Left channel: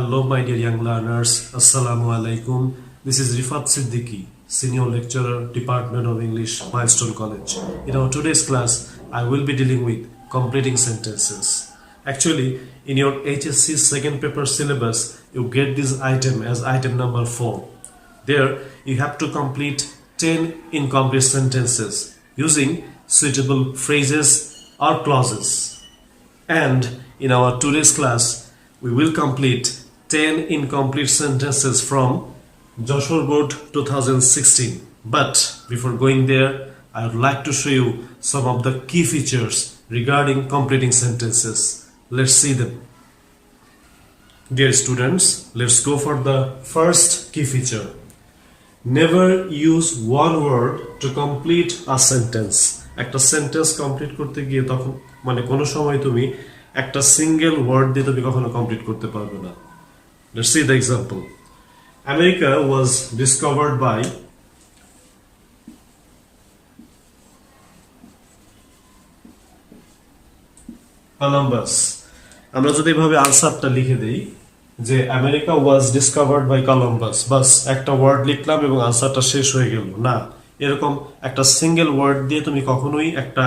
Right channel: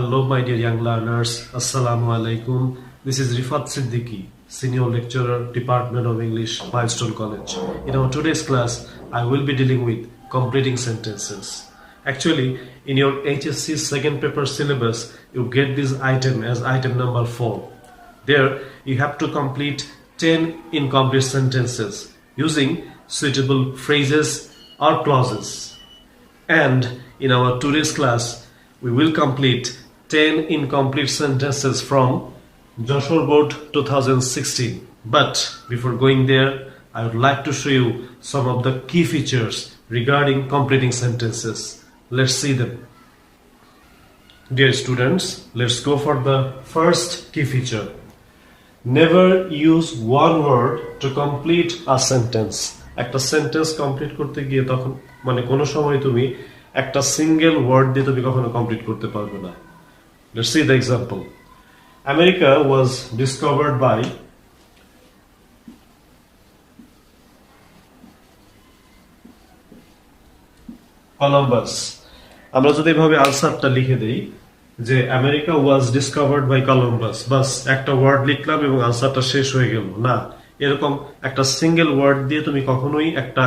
Hello, my dear young learners. Assalamu alaikum. This is Rifat Siddiqui, Senior Lecturer, Department of English, Milestone College. In our today's class, I will be dealing with completing sentences. Actually, in your HSC second paper syllabus, you get this item as item number 4. There, you have to complete 10 incomplete sentences using suitable phrases or clauses. And in our today's class, we will complete 10 incomplete sentences from Joshua Board 2016. But before going there, I would like to show you some of the key features regarding completing sentences. Let's see them. Dear students, let's go for the first key feature. Never use one word to complete a sentence. একটা sentence complete করতে গিয়ে তখন কোনো সময় তুমি একটা single word দিয়ে তুমি কখনো কমপ্লিট করতে পারবে না। Let's see the example. America was discovered by Columbus. আমরা যদি এভাবে আনসারটা লিখে দেই যে America was discovered by Columbus, বাস একটা ওয়ার্ড লিখলাম এবং আনসারটা শেষ হয়ে গেল না। এরকম একটা সিঙ্গেল ওয়ার্ড দিয়ে তুমি কখনোই একটা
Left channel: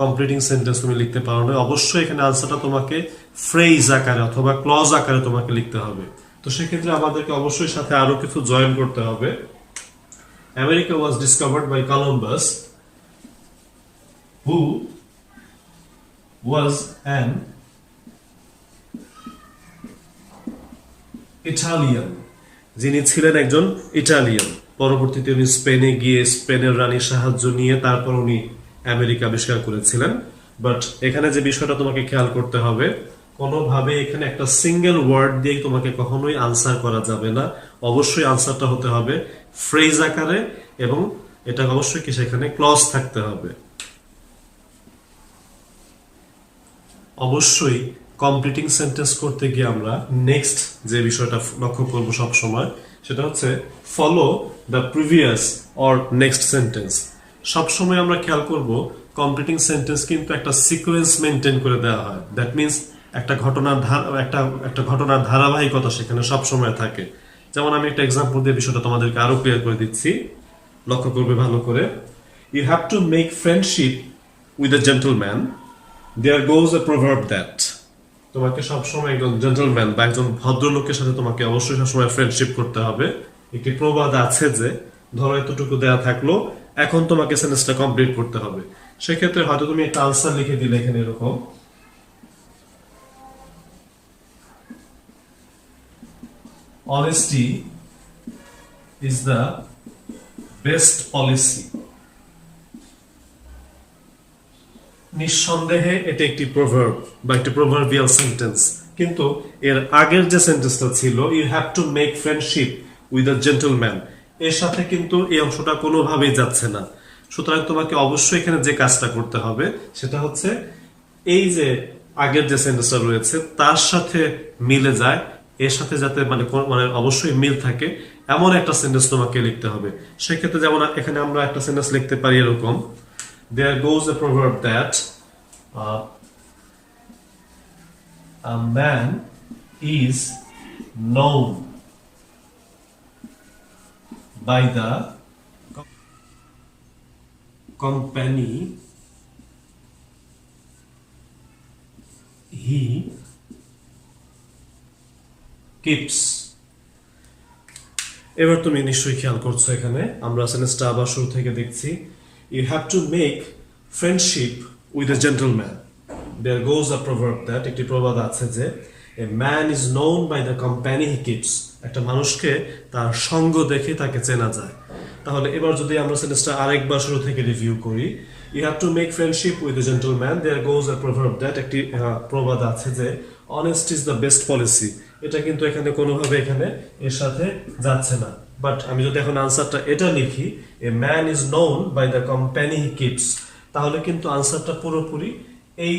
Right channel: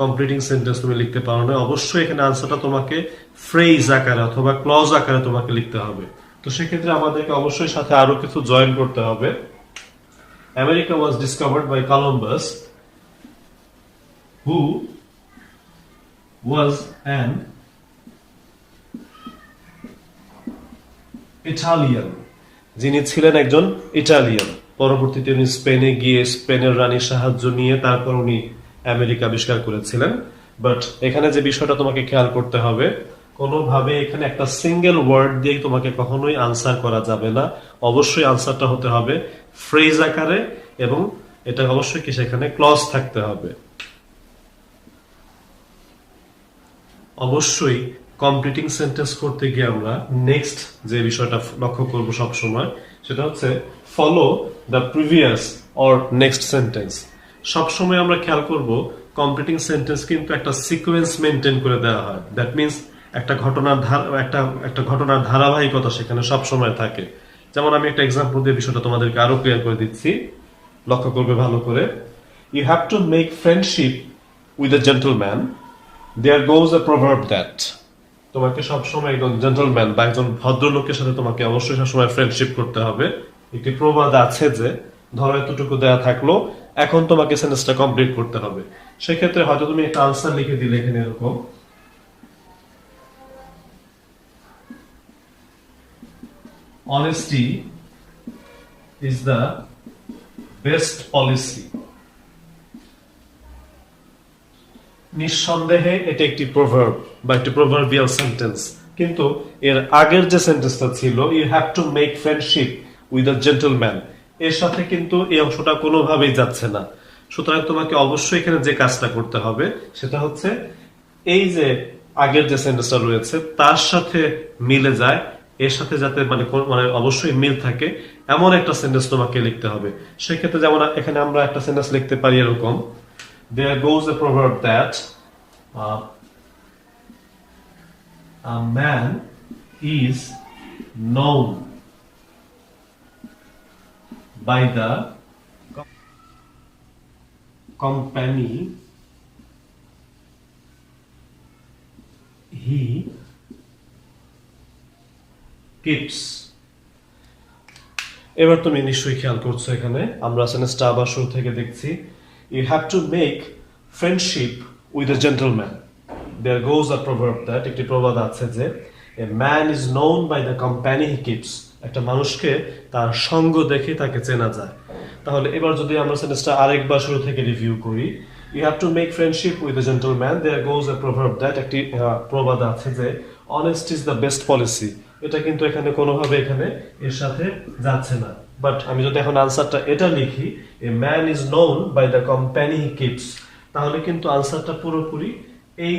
কমপ্লিটিং সেন্টেন্স তুমি লিখতে পারো না। অবশ্যই এখানে আনসারটা তোমাকে ফ্রেজ আকারে অথবা ক্লজ আকারে তোমাকে লিখতে হবে। তো সেক্ষেত্রে আমাদেরকে অবশ্যই সাথে আরো কিছু জয়েন করতে হবে। America was discovered by Columbus who was an Italian, যিনি ছিলেন একজন ইটালিয়ান। পরবর্তীতে উনি স্পেনে গিয়ে স্পেনের রানীর সাহায্য নিয়ে তারপর উনি আমেরিকা আবিষ্কার করেছিলেন। বাট এখানে যে বিষয়টা তোমাকে খেয়াল করতে হবে, কোনোভাবে এখানে একটা সিঙ্গেল ওয়ার্ড দিয়ে তোমাকে কখনোই আনসার করা যাবে না। অবশ্যই আনসারটা হতে হবে ফ্রেজ আকারে এবং এটা অবশ্যই কি সেখানে ক্লজ থাকতে হবে। অবশ্যই কমপ্লিটিং সেন্টেন্স করতে গিয়ে আমরা নেক্সট যে বিষয়টা লক্ষ্য করব সব সময়, সেটা হচ্ছে follow the previous or next sentence. সবসময় আমরা খেয়াল করব কমপ্লিটিং সেন্টেন্স কিন্তু একটা সিকোয়েন্স মেনটেন করে দেওয়া হয়। দ্যাট মিনস একটা ঘটনার ধারাবাহিকতা সেখানে সব সময় থাকে। যেমন আমি একটা এক্সাম্পল দিয়ে বিষয়টা তোমাদেরকে আরো ক্লিয়ার করে দিচ্ছি, লক্ষ্য করবে ভালো করে। You have to make friendship with a gentleman, there goes a proverb that. তোমাকে সবসময় একজন জেন্টলম্যান বা একজন ভদ্রলোকের সাথে তোমাকে অবশ্যই সবসময় ফ্রেন্ডশিপ করতে হবে। একটি প্রবাদ আছে যে ধরো এতটুকু দেয়া থাকলো, এখন তোমাকে সেন্টেন্সটা কমপ্লিট করতে হবে। সেক্ষেত্রে হয়তো তুমি একটা আনসার লিখে দিলে এখানে এরকম, honesty is the best policy. নিঃসন্দেহে এটা একটি প্রভার্ব বা একটি প্রভার্বিয়াল সেন্টেন্স, কিন্তু এর আগের যে সেন্টেন্সটা ছিল you have to make friendship with a gentleman, এর সাথে কিন্তু এই অংশটা কোনোভাবেই যাচ্ছে না। সুতরাং তোমাকে অবশ্যই এখানে যে কাজটা করতে হবে সেটা হচ্ছে এই যে আগের যে সেন্টেন্সটা রয়েছে তার সাথে মিলে যায়, এর সাথে যাতে মানে অবশ্যই মিল থাকে এমন একটা সেন্টেন্স তোমাকে লিখতে হবে। সেক্ষেত্রে যেমন এখানে আমরা একটা সেন্টেন্স লিখতে পারি এরকম, there goes a proverb that a man is known by the company he keeps. এবার তুমি নিশ্চয়ই খেয়াল করছো এখানে আমরা সেন্টেন্সটা আবার শুরু থেকে দেখছি। You have to make friendship with a gentleman. There goes a proverb that একটি প্রবাদ আছে যে a man is known by the company he keeps. একটা মানুষকে তার সঙ্গ দেখে তাকে চেনা যায়। তাহলে এবার যদি আমরা সেন্টেন্সটা আরেকবার শুরু থেকে রিভিউ করি, you have to make friendship with a gentleman. There goes a proverb that একটি প্রবাদ আছে যে honesty is the best policy. এটা কিন্তু এখানে কোনোভাবে এখানে এর সাথে যাচ্ছে না। বাট আমি যদি এখন আনসারটা এটা লিখি, a man is known by the company he keeps, তাহলে কিন্তু আনসারটা পুরোপুরি এই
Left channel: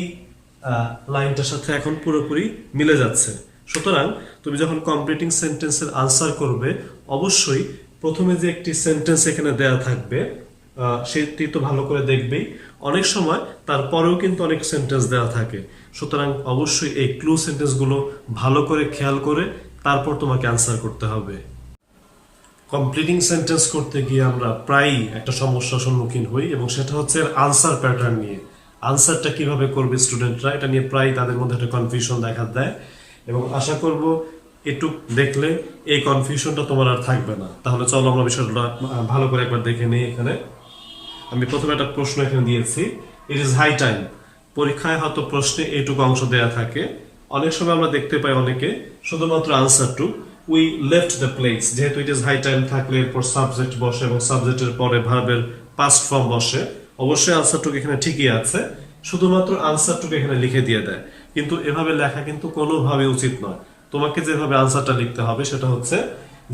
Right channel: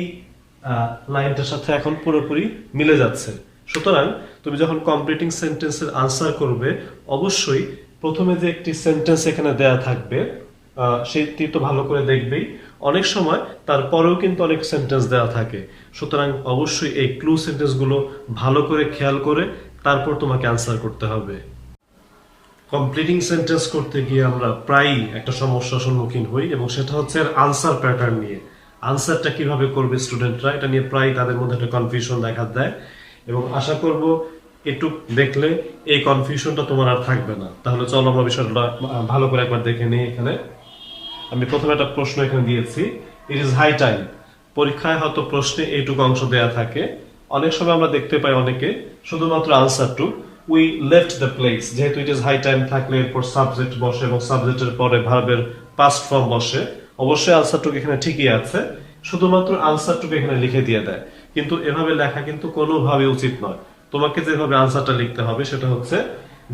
লাইনটার সাথে এখন পুরোপুরি মিলে যাচ্ছে। সুতরাং তুমি যখন কমপ্লিটিং সেন্টেন্সের আনসার করবে অবশ্যই প্রথমে যে একটি সেন্টেন্স এখানে দেয়া থাকবে সেটি তো ভালো করে দেখবেই। অনেক সময় তারপরেও কিন্তু অনেক সেন্টেন্স দেওয়া থাকে, সুতরাং অবশ্যই এই ক্লু সেন্টেন্সগুলো ভালো করে খেয়াল করে তারপর তোমাকে আনসার করতে হবে। কমপ্লিটিং সেন্টেন্স করতে গিয়ে আমরা প্রায়ই একটা সমস্যার সম্মুখীন হই, এবং সেটা হচ্ছে আনসার প্যাটার্ন নিয়ে। আনসারটা কিভাবে করবে স্টুডেন্টরা, এটা নিয়ে প্রায় তাদের মধ্যে একটা কনফিউশন দেখা দেয়, এবং আশা করব একটু দেখলে এই কনফিউশনটা তোমার আর থাকবে না। তাহলে চলো আমরা বিষয়টা ভালো করে একবার দেখে নিই। এখানে আমি প্রথমে একটা প্রশ্ন এখানে দিয়েছি, ইট ইজ হাই টাইম। পরীক্ষায় হয়তো প্রশ্নে এইটুকু অংশ দেয়া থাকে, অনেক সময় আমরা দেখতে পাই অনেকে শুধুমাত্র আনসারটুক উই লেফট দ্য প্লেস, যেহেতু ইট ইজ হাই টাইম থাকলে এরপর সাবজেক্ট বসে এবং সাবজেক্টের পরে ভার্বের পাস্ট ফর্ম বসে। অবশ্যই আনসারটুকু এখানে ঠিকই আছে, শুধুমাত্র আনসারটুকু এখানে লিখে দিয়ে দেয়। কিন্তু এভাবে লেখা কিন্তু কোনোভাবে উচিত নয়। তোমাকে যেভাবে আনসারটা লিখতে হবে সেটা হচ্ছে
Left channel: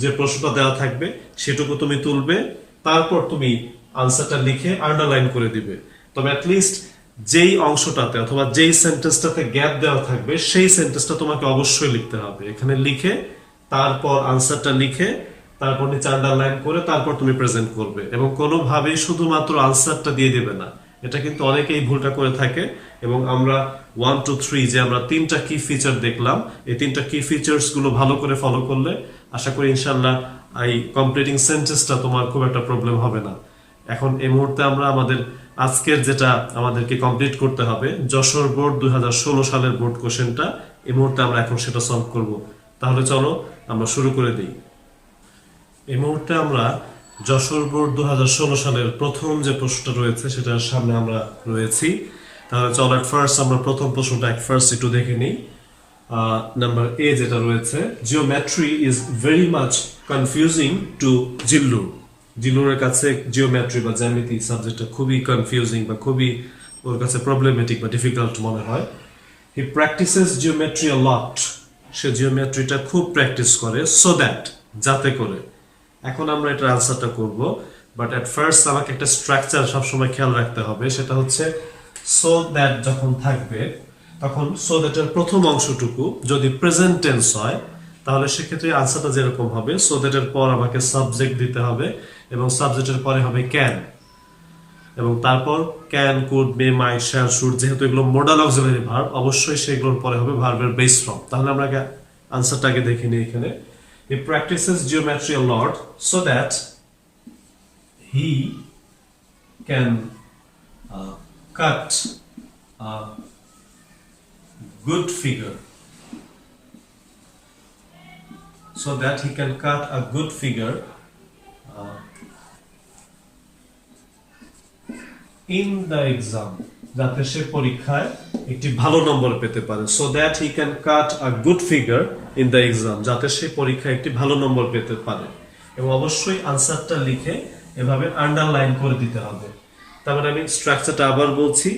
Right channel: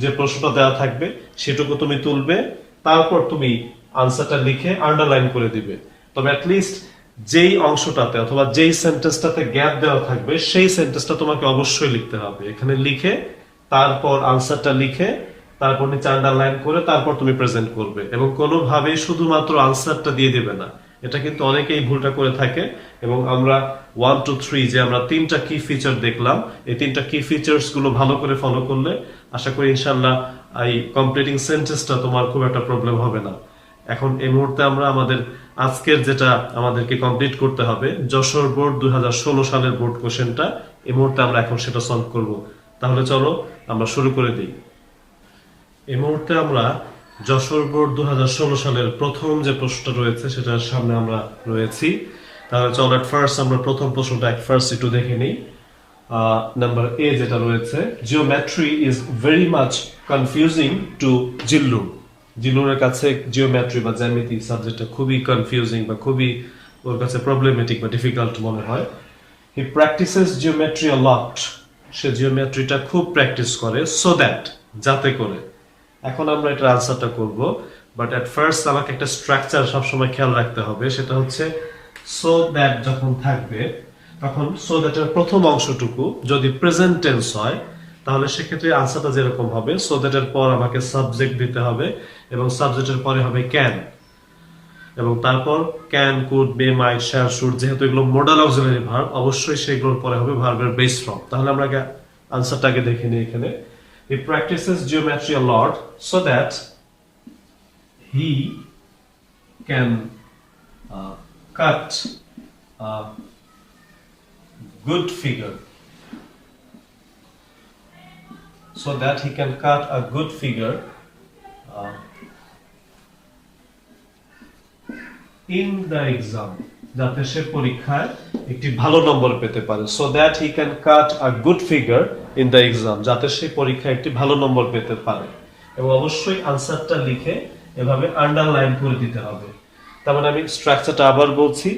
যে প্রশ্নটা দেওয়া থাকবে সেটুকু তুমি তুলবে, তারপর তুমি আনসারটা লিখে আন্ডারলাইন করে দিবে। তবে অ্যাটলিস্ট যেই অংশটাতে অথবা যেই সেন্টেন্সটাতে গ্যাপ দেওয়া থাকবে সেই সেন্টেন্সটা তোমাকে অবশ্যই লিখতে হবে। এখানে লিখে তারপর আনসারটা লিখে তারপর নিচে আন্ডারলাইন করে তারপর তুমি প্রেজেন্ট করবে, এবং কোনোভাবেই শুধুমাত্র আনসারটা দিয়ে দেবে না। এটা কিন্তু অনেকেই ভুলটা করে থাকে, এবং আমরা 1 2 3 যে আমরা 3টা কি ফিচার দেখলাম, এই 3টা কি ফিচার্স গুলো ভালো করে ফলো করলে আশা করি ইনশাল্লাহ এই কমপ্লিটিং সেন্টেন্সটা তোমার খুব একটা প্রবলেম হবে না। এখন এই মুহূর্তে আমরা আমাদের আজকের যেটা আমাদেরকে কমপ্লিট করতে হবে, যশোর বোর্ড 2016 সালের বোর্ড কোশ্চেনটা, এই মুহূর্তে আমরা এখন সেটা সলভ করব। তাহলে চলো আমরা শুরু করে দিই। এই মুহূর্তে আমরা যশোর বোর্ড 2016 সালের প্রথম যে প্রশ্নটা রয়েছে সেটার সামনে আমরা রয়েছি। তাহলে চলো এট ফার্স্ট আমরা প্রথম প্রশ্নটা ফার্স্ট একটু দেখে নিই। নাম্বার এ যেটা রয়েছে, geometry is very much confusing to Zillu. জিল্লুরের কাছে জিওমেট্রি বা জ্যামিতি সাবজেক্টটা খুবই কনফিউজিং বা খুবই ওর কাছে প্রবলেমেটিক বা ডিফিকাল্ট মনে হয়। হি প্র্যাকটিসেস জিওমেট্রি আ লট। সে জিওমেট্রিটা খুব প্র্যাকটিস করে, সো দ্যাট যাতে করে। এখন আমরা এটার আনসারটা করব, বাট এট ফার্স্ট আমাকে একটা স্ট্রাকচার সবসময় খেয়াল রাখতে হবে, সেটা হচ্ছে সো দ্যাট যখন থাকবে তখন সো দ্যাটের প্রথম অংশটুকু যদি প্রেজেন্ট টেন্স হয় তাহলে সেক্ষেত্রে আনসারটা যেরকম হবে, সো দ্যাটের পর আমাকে সাবজেক্ট দিতে হবে এবং সাবজেক্টের পরে হবে ক্যান, এবং তারপর can, could, may, might, shall, should, যেহেতু এগুলো মডাল অক্সিলারি ভার্ব, অবশ্যই সেগুলোর পরে হবে ভার্বের বেস ফর্ম। তাহলে আমরা আনসারটা আগে দেখে নিই। এখানে he practices geometry a lot so that he can cut a good figure, so that he can cut a good figure in the exam, যাতে সে পরীক্ষায় একটি ভালো নম্বর পেতে পারে। so that he can cut a good figure in the exam, যাতে সে পরীক্ষায় একটি ভালো নম্বর পেতে পারে। এবং অবশ্যই আনসারটা লিখে এভাবে আন্ডারলাইন করে দিতে হবে। তার মানে আমি স্ট্রাকচারটা আবার বলছি,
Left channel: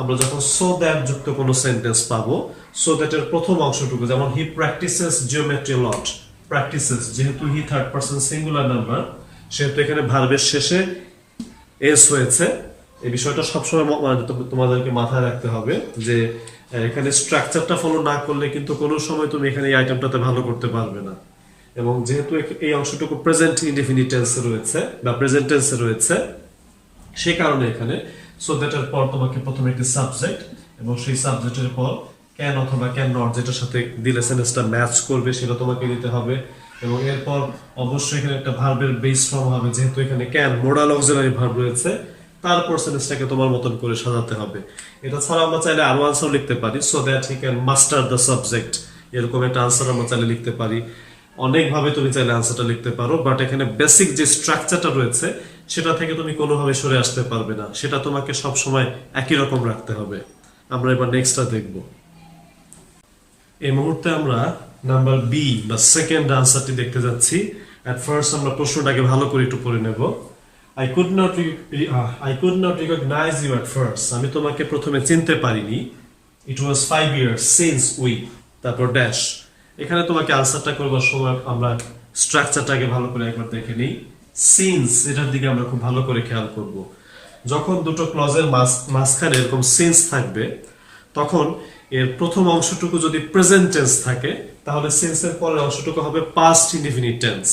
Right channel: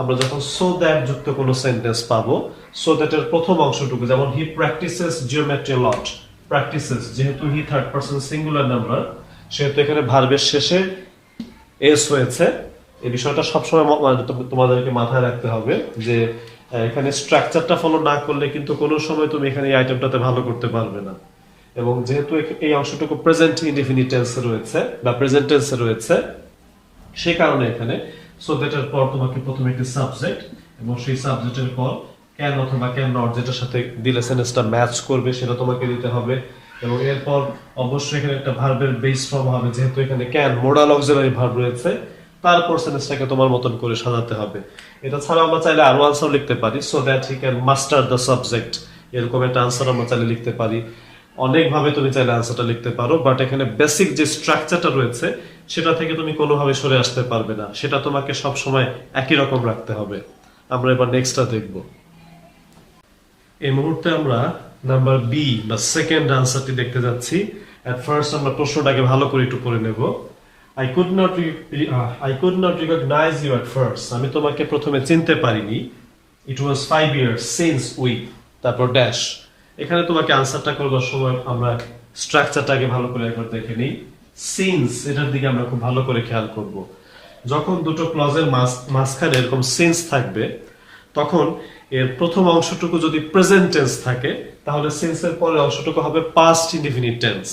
আমরা যখন so that যুক্ত কোনো সেন্টেন্স পাবো, so that এর প্রথম অংশটুকু, যেমন he practices geometry a lot, practices যেহেতু he third person singular number, সেহেতু এখানে ভার্বের শেষে এস হয়েছে। এই বিষয়টা সবসময় তোমাদেরকে মাথায় রাখতে হবে যে এখানে স্ট্রাকচারটা ফলো না করলে কিন্তু কোনো সময় তুমি এখানে এই আইটেমটাতে ভালো করতে পারবে না। এবং যেহেতু এই অংশটুকু প্রেজেন্ট ইনডেফিনিট টেন্সে রয়েছে বা প্রেজেন্ট টেন্সে রয়েছে, সেই কারণে এখানে সো দ্যাটের পর তোমাকে প্রথমে একটি সাবজেক্ট এবং সেই সাবজেক্টের পর ক্যান অথবা ক্যান নট, যেটার সাথে দিলে সেন্টেন্সটা ম্যাচ করবে সেটা তোমাকে দিতে হবে। এবং এরপর অবশ্যই এখানে একটা ভার্বের বেস ফর্ম হবে, যেহেতু এখানে ক্যান মডাল অক্সিলারি ভার্ব রয়েছে, তারপর সেন্টেন্সটাকে তোমার মতন করে সাজাতে হবে। এটা ছাড়া আমরা চাইলে আরো আনসার লিখতে পারি, so that he can master the subject, এরকম একটা আনসার আমরা চাইলে লিখতে পারি। অনেকভাবে তুমি চাইলে আনসারটা লিখতে পারো, বাট এখানে বেসিক যে স্ট্রাকচারটা রয়েছে সেটা থেকে তুমি কোনোভাবে সরে আসতে পারবে না, সেটা তোমাকে সব সময় একই রকম রাখতে হবে। আমরা এবার নেক্সটটা দেখব। এই মুহূর্তে আমরা নাম্বার বি বা সেকেন্ড আনসারটি দেখতে যাচ্ছি। এট ফার্স্ট আমরা প্রশ্নটাকে ভালো করে একটু পড়ে নেব। I could not recognize you at first. আমি তোমাকে প্রথমে চিনতে পারিনি। It was 5 years since we, তারপর ড্যাশ। এখানে তোমাকে আনসারটা করবার সময় আমরা স্ট্রাকচারটাকে ভালো করে একবার দেখে নিই। সিন্স, এটার দিকে আমরা খুব ভালো করে খেয়াল করব। যখন দুটো ক্লজের মাঝখানে এরকম সিন্স থাকবে, তখন এর প্রথম অংশটুকু যদি প্রেজেন্ট টেন্স থাকে তাহলে সিন্সের পরের অংশটুকু হবে পাস্ট ইনডিফিনিট টেন্স,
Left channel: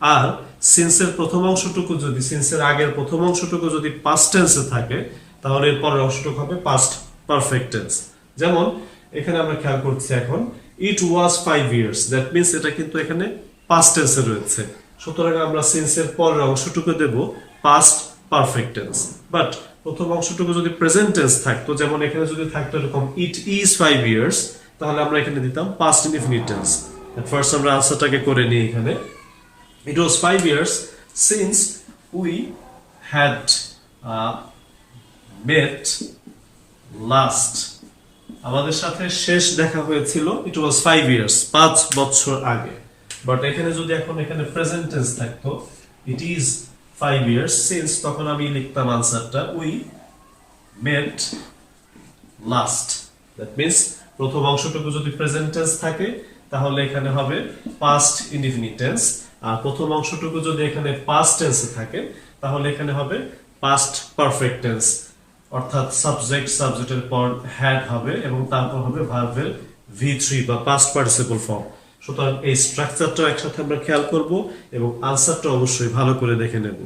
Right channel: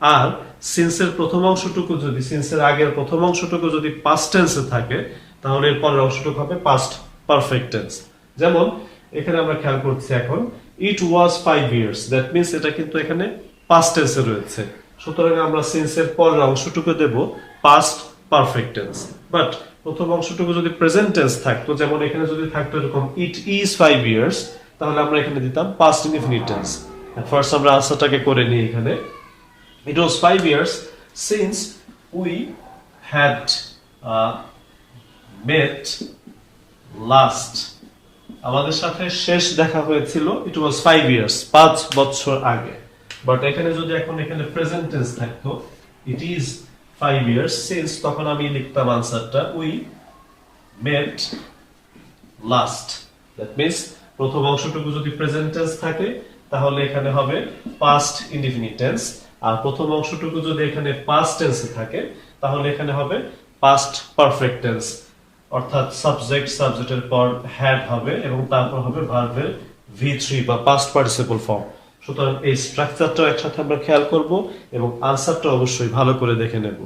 আর সিন্সের প্রথম অংশটুকু যদি সিন্সের আগের প্রথম অংশটুকু যদি পাস্ট টেন্সে থাকে তাহলে এর পরের অংশটুকু হবে পাস্ট পারফেক্ট টেন্স। যেমন এখানে আমরা খেয়াল করছি, এখন ইট ওয়াজ 5 years, দ্যাট মিন্স এটা কিন্তু এখানে পাস্ট টেন্সে রয়েছে, সুতরাং আমরা সিন্সের পরের অংশটুকু দেব পাস্ট পারফেক্ট টেন্স। বাট প্রথম অংশটুকু যদি প্রেজেন্ট টেন্স থাকতো, যেমন এখানে যদি থাকতো এরকম ইট ইজ 5 years, তাহলে আমরা এখানে দিতাম past indefinite tense. At first আমরা আনসারটাকে করে নিই এখানে। ইট ওয়াজ 5 years since we had met last, আমাদের সাথে শেষ দেখা হয়েছিল ইট ওয়াজ 5 years, 5 বছর আগে। বাট এখানে যদি এখন এখানে প্রেজেন্ট টেন্স থাকতো ইট ইজ 5 years since, তখন আমি লিখতাম আনসারটা we met last. That means প্রথম অংশটুকু যদি প্রেজেন্ট টেন্স থাকে তাহলে এখানে হবে পাস্ট ইনডিফিনিট টেন্স, আর প্রথম অংশটুকু যদি এখানে পাস্ট টেন্সে থাকে তাহলে এখানে হবে পাস্ট পারফেক্ট টেন্স, অর্থাৎ সাবজেক্ট সাবজেক্টের পর হ্যাড হবে এবং তারপর হবে ভার্বের V3 বা পাস্ট পার্টিসিপল ফর্ম। সুতরাং এই স্ট্রাকচারটা একসাথে আমরা খেয়াল করব এবং আনসারটা অবশ্যই ভালো করে দেখে নেব।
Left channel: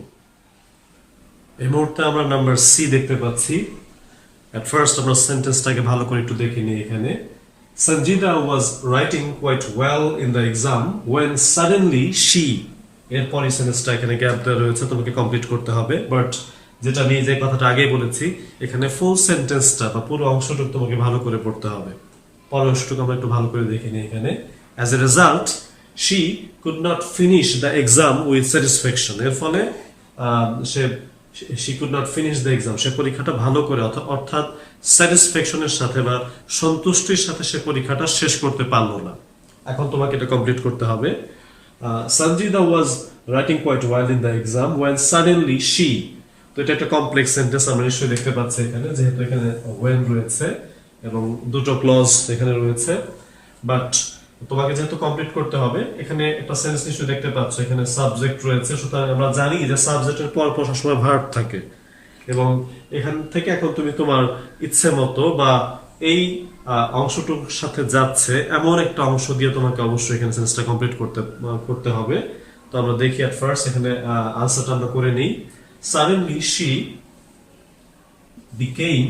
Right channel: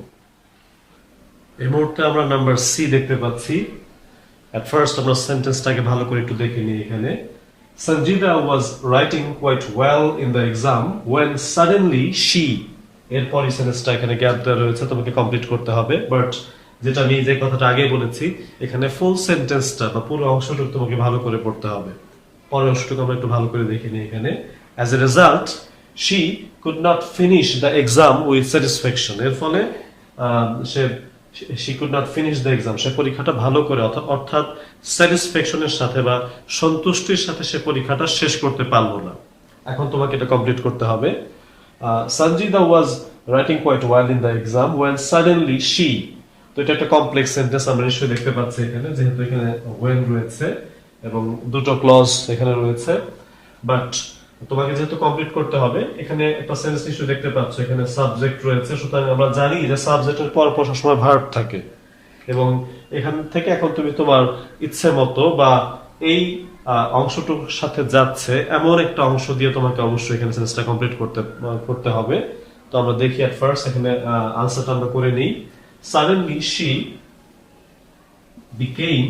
এই মুহূর্তে আমরা নাম্বার সি দেখতে পাচ্ছি। এট ফার্স্ট আমরা সেন্টেন্সটাকে ভালো করে একটু দেখে নিই এখানে। Sanjida was writing quite well in the exam when suddenly she, এরপর এই সেন্টেন্সটা এখানে গ্যাপ দেওয়া রয়েছে, তোমাকে কমপ্লিট করতে হবে। বাট যেটা আমি যে কথাটা আগে বলেছি, এখানে ফুল সেন্টেন্সটা বা পুরো অংশটুকু তোমাকে ভালো করে পড়তে হবে। পরের অংশটুকু আমরা একটু ভালো করে দেখে নিই এখানে। As a result, she could not finish the exam with satisfaction. এর ফলে she could not finish the exam, সে পরীক্ষাটা ভালো করে অর্থাৎ স্যাটিসফ্যাকশনের সাথে বা সন্তুষ্টির সাথে সে পরীক্ষাটা শেষ করতে পারলো না। এখন তোমাকে এটা কমপ্লিট করতে হবে। Sanjida was writing quite well in the exam when suddenly she, তো এটা একটা কমপ্লেক্স সেন্টেন্স আমরা নিশ্চয়ই দেখতে পাচ্ছি এখানে, যেহেতু এখানে when রয়েছে এবং দুটো ক্লজ এখানে রয়েছে। বাট তোমাকে যেহেতু কমপ্লিট করতে হবে, এখানে একটা সেন্টেন্স নিশ্চয়ই দেখতে পাচ্ছ এখানে সাবজেক্ট রয়েছে, সুতরাং আমরা জানি যে সাবজেক্টের পর পর সবসময় ভার্ব থাকে এবং এখান থেকে এখন তুমি তোমার ইচ্ছে মতো বা এই অংশটুকুর সাথে যাচ্ছে এমন একটা অংশ দিয়ে তোমাকে অবশ্যই এখানে সেন্টেন্সটা কমপ্লিট করতে হবে। তো আমরা দেখি এট ফার্স্ট এখানে আনসারটা আমরা করে নিই। Suddenly she became,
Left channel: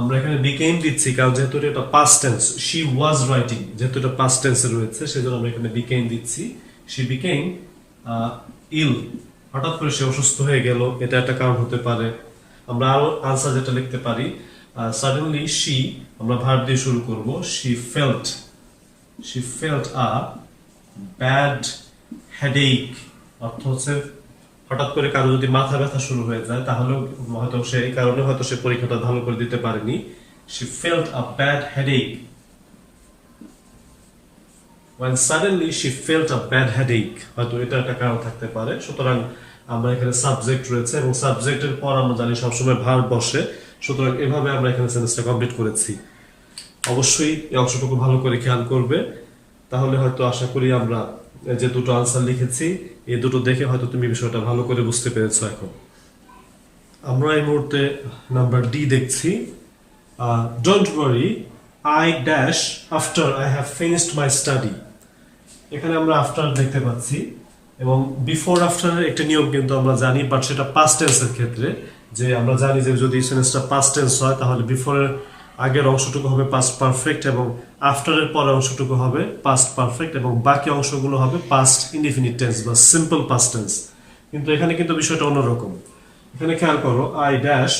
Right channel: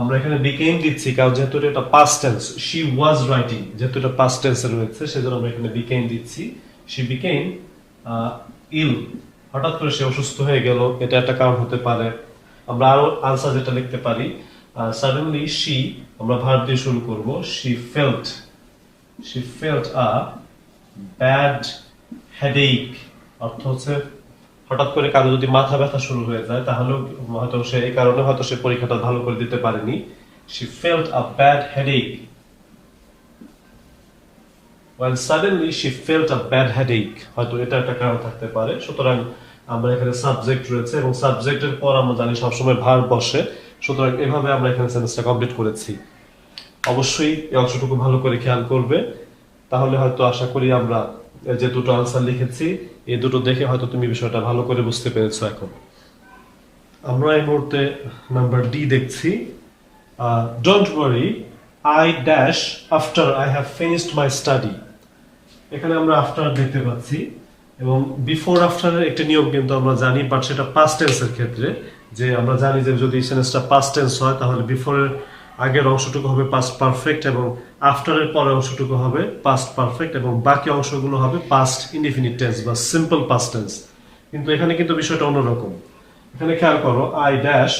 আমরা এখানে became দিচ্ছি কারণ যেহেতু এটা past tense, she was writing যেহেতু এটা পাস্ট টেন্সে রয়েছে সেজন্য আমরা এখানে became দিচ্ছি। she became ill, হঠাৎ করে সে অসুস্থ হয়ে গেল, এটা একটা কারণ হতে পারে। আমরা আরো আনসার যেটা লিখতে পারি, suddenly she, আমরা ভার্ব দিয়ে শুরু করব, she felt a bad headache, অর্থ হচ্ছে হঠাৎ করে কারো যদি মাথা ব্যথা শুরু হয়ে যায় তাহলে হয়তো সে এই কারণে হয়তো সে পরীক্ষাটা ভালো করে দিতে পারেনি। she felt a bad headache when suddenly she felt a bad headache, হয়তো এটা একটা কারণ থাকতে পারে। সুতরাং আমরা এখানে সাবজেক্ট রয়েছে এবং সাবজেক্টের পর আমরা জানি সবসময় ভার্ব বসে, সুতরাং এভাবে আমরা এখানে সেন্টেন্সটা কমপ্লিট করেছি। অবশ্যই এই অংশটুকু ভালো করে খেয়াল করবে, তাহলে হয়তো আশা করি আমরা যে দুটো আনসার লিখেছি এই দুটো দেখে হয়তো তুমি বিষয়টা ভালো করে বুঝতে পেরেছো। এখন আমরা এই মুহূর্তে নাম্বার ডি দেখছি। Don't worry I dash after I have finished my study, এখানে আমরা আফটার দেখতে পাচ্ছি এবং বিফোর আফটারের একটা নিয়ম কিন্তু আমরা জানি, বাট সেটা পাস্ট টেন্সের ক্ষেত্রে, যে আমরা জানি যে যদি সেন্টেন্সটা পাস্ট টেন্স হয় তাহলে বিফোরের আগের অংশটুকু হবে পাস্ট পারফেক্ট এবং আফটারের পরের অংশটুকু হবে পাস্ট পারফেক্ট এবং বাকি অংশগুলো হবে পাস্ট ইনডিফিনিট টেন্স বা সিম্পল পাস্ট টেন্স। কিন্তু এখানে কিন্তু বিষয়টা অন্যরকম। এখানে খেয়াল করো, I dash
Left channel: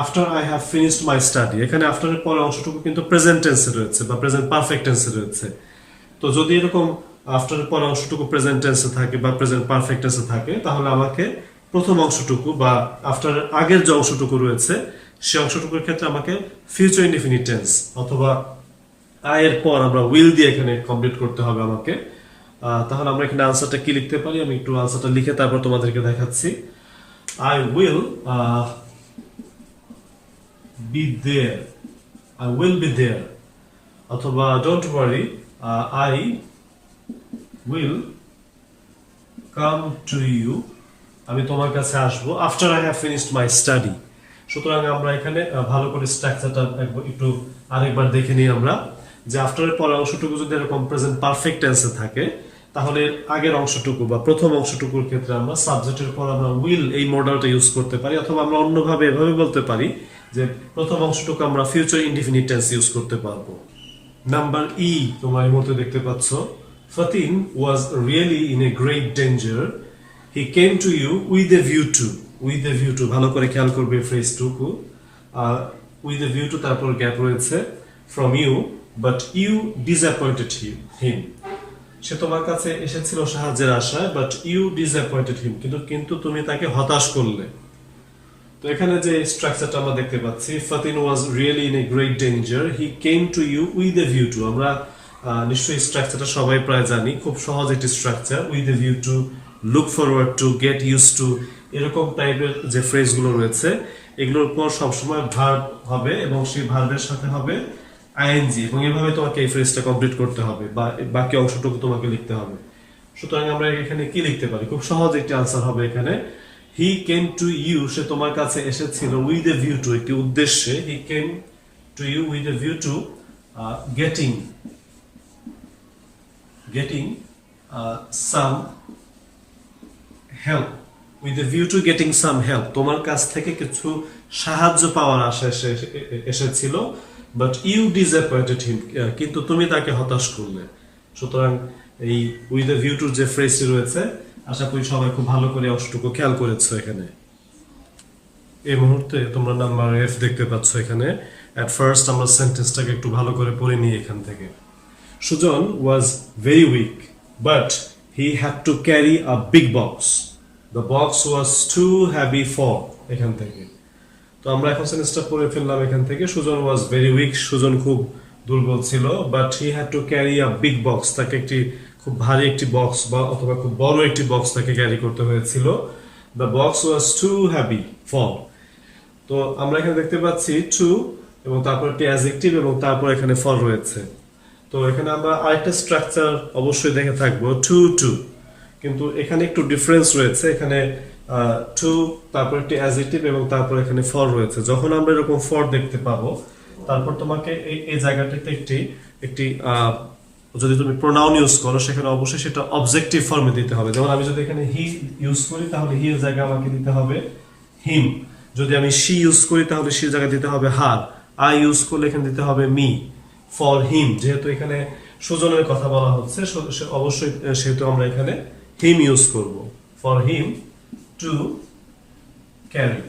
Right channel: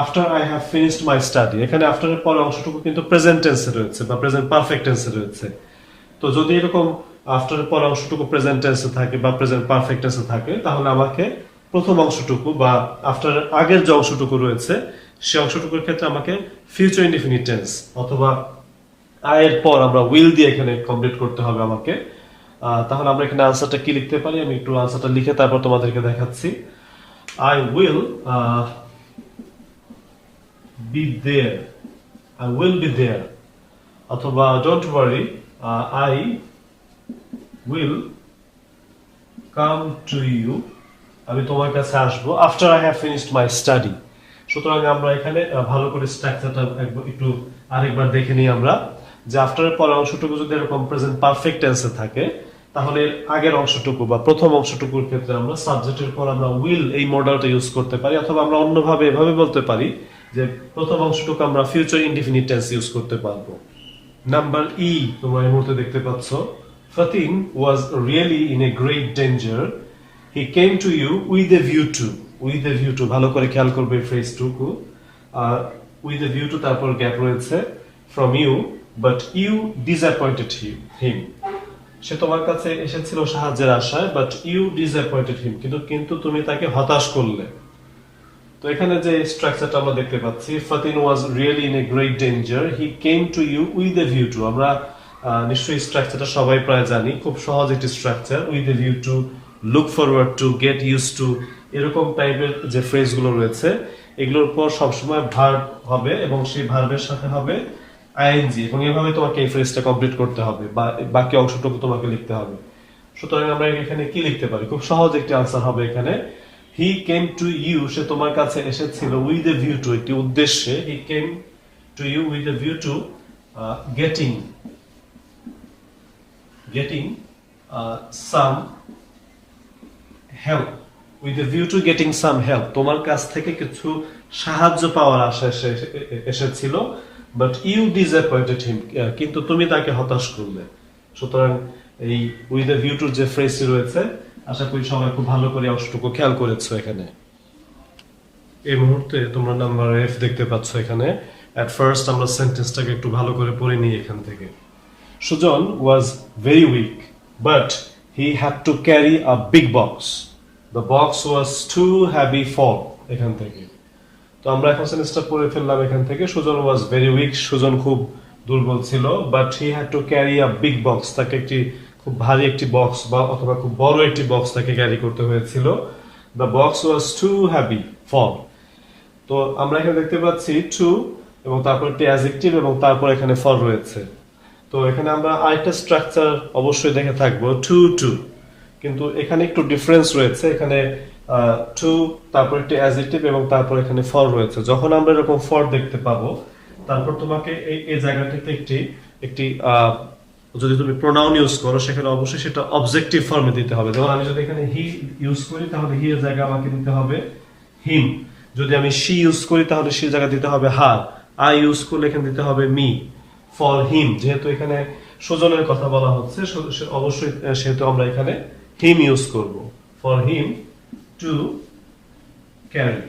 after I have finished my study, এখানে আফটারের পরের অংশটুকু কিন্তু প্রেজেন্ট টেন্সে রয়েছে বা প্রেজেন্ট পারফেক্ট টেন্সে রয়েছে। তো যদি এরকম আফটারের পরের অংশটুকু প্রেজেন্ট টেন্সে থাকে বা প্রেজেন্ট পারফেক্ট টেন্সে থাকে তাহলে আমাকে প্রথম অংশটুকু বা আফটার আগের যে অংশটুকু রয়েছে সে অংশটুকুর ক্ষেত্রে আমাকে ফিউচার ইনডিফিনিট টেন্স অথবা আয়ের পর আমরা উইল দিয়ে এখানে কমপ্লিট করতে হবে আমাকে। তাহলে আমরা এখানে আনসারটা কি লিখতে পারি, আমি একটু আনসারটা লিখে তারপর তোমাদেরকে দেখাচ্ছি। I will be there, I will be there, অথবা don't worry I will come to you, আমি তোমার কাছে আসবো after I have finished my study. সুতরাং আমরা এখানে ভালো করে স্ট্রাকচারটা একটু আরেকবার দেখে নিই আমরা, যে আফটারের পরের অংশটুকু যদি এরকম প্রেজেন্ট পারফেক্ট টেন্সে থাকে তাহলে আগের অংশটুকু বা প্রথম অংশটুকুর ক্ষেত্রে আমরা সাবজেক্টের পর আমরা উইল এই মডেলটা ইউজ করতে পারি, অথবা আমরা অন্যভাবে এভাবে বলতে পারি যে প্রথম অংশটুকু আমরা ফিউচার ইনডিফিনিট টেন্স ইউজ করতে পারবো। নাম্বার ই তোমরা এই মুহূর্তে দেখতে পাচ্ছ, Fatin was really in a great danger, he came to you with a view to. With a view to, ভালো করে খেয়াল করবে ফ্রেজটুকু। উইথ এ ভিউ টু, তারপর গ্যাপ রয়েছে, from you, but you disappointed him. সে তোমার কাছে এসেছিল সাহায্যের আশায়, বাট ইউ ডিসঅ্যাপয়েন্টেড হিম, কিন্তু তুমি তাকে হতাশ করলে। তো এখানে যে স্ট্রাকচারটা আমরা দেখতে পাচ্ছি, Fatin was really in a great danger, he came to you with a view to. আমরা নিশ্চয়ই স্ট্রাকচারটা সবাই প্রায় জানি, খুব সহজ একটি structure. With a view to, look forward to, get used to, এরকম টাইপের যে ফ্রেজগুলো রয়েছে এগুলোর পর সবসময় ভার্ব হবে এবং সেই ভার্বের সাথে হবে আইএনজি, এবং এভাবে তোমাকে এই ফ্রেজটা কমপ্লিট করতে হবে বা বাকি অংশটুকু তোমাকে লিখতে হবে। সুতরাং আমরা এখানে কি লিখতে পারি? খুব সহজ একটি আনসার হবে এখানে, হি কেম টু ইউ, সে তোমার কাছে এসেছিল, উইথ এ ভিউ টু, একটি উদ্দেশ্যে। He came to you with a view to getting some help. With a view to getting some help, তোমার কাছ থেকে কিছু সাহায্য পাওয়ার আশায় এসেছিল, বাট ইউ ডিসঅ্যাপয়েন্টেড হিম, কিন্তু তুমি তাকে হতাশ করলে। সুতরাং এই উইথ এ ভিউ টুর যে ফ্রেজটি রয়েছে, আশা করি সবাই খুব ভালো করে অংশটুকু খেয়াল করেছো। এখানে এই মুহূর্তে তোমরা নাম্বার এফ দেখতে পাচ্ছ। এখানে এট ফার্স্ট আমরা সেন্টেন্সটাকে একটু ভালো করে পড়ে নিই এখান থেকে। Sujan was very weak, but he had to carry a big box, the box was too heavy for. এখান থেকে তো আমরা এখন সেন্টেন্সটা পড়ে ফেললাম এখান থেকে। Sujan was very weak, Sujan খুব দুর্বল ছিল, but he had to carry a big box, তাকে একটি খুব ভারী একটি বক্স বা অথবা খুব বড় একটি বক্স তাকে ক্যারি করতে হয়েছিল। The box was too heavy for. তো আমরা এখানে দেখতে পাচ্ছি টু এবং তারপর একটি অ্যাডজেক্টিভ এবং তারপর এখানে ফর রয়েছে। তো এখানে আমরা আরেকটা স্ট্রাকচার অবশ্যই দেখে থাকবো, টু টু, কিন্তু এখানে একটু ডিফারেন্স রয়েছে। এখানে টু, তারপর একটি অ্যাডজেক্টিভ এবং তারপর এখানে ফর রয়েছে। যখন আমরা এরকম ফর দেখতে পাবো, তারপর তোমাকে এই জায়গাটাতে একটি যদি তুমি প্রোনাউন ইউজ করো, সেখানে অবশ্যই সেটা অবজেক্টিভ ফর্মে দিতে হবে। যেমন আমি যদি এখানে হি ইউজ করি, তাহলে হি এর জায়গায় আমাকে দিতে হবে হিম। যদি আমি শি ইউজ করি, তাহলে সি জায়গায় দিতে হবে হার। আই ইউজ করলে এখানে দিতে হবে মি। ফর হিম, যেহেতু এখানে সুজনের কথা বলা হচ্ছে, অবশ্যই সেহেতু আমরা এখানে হিম ইউজ করব। For him to carry,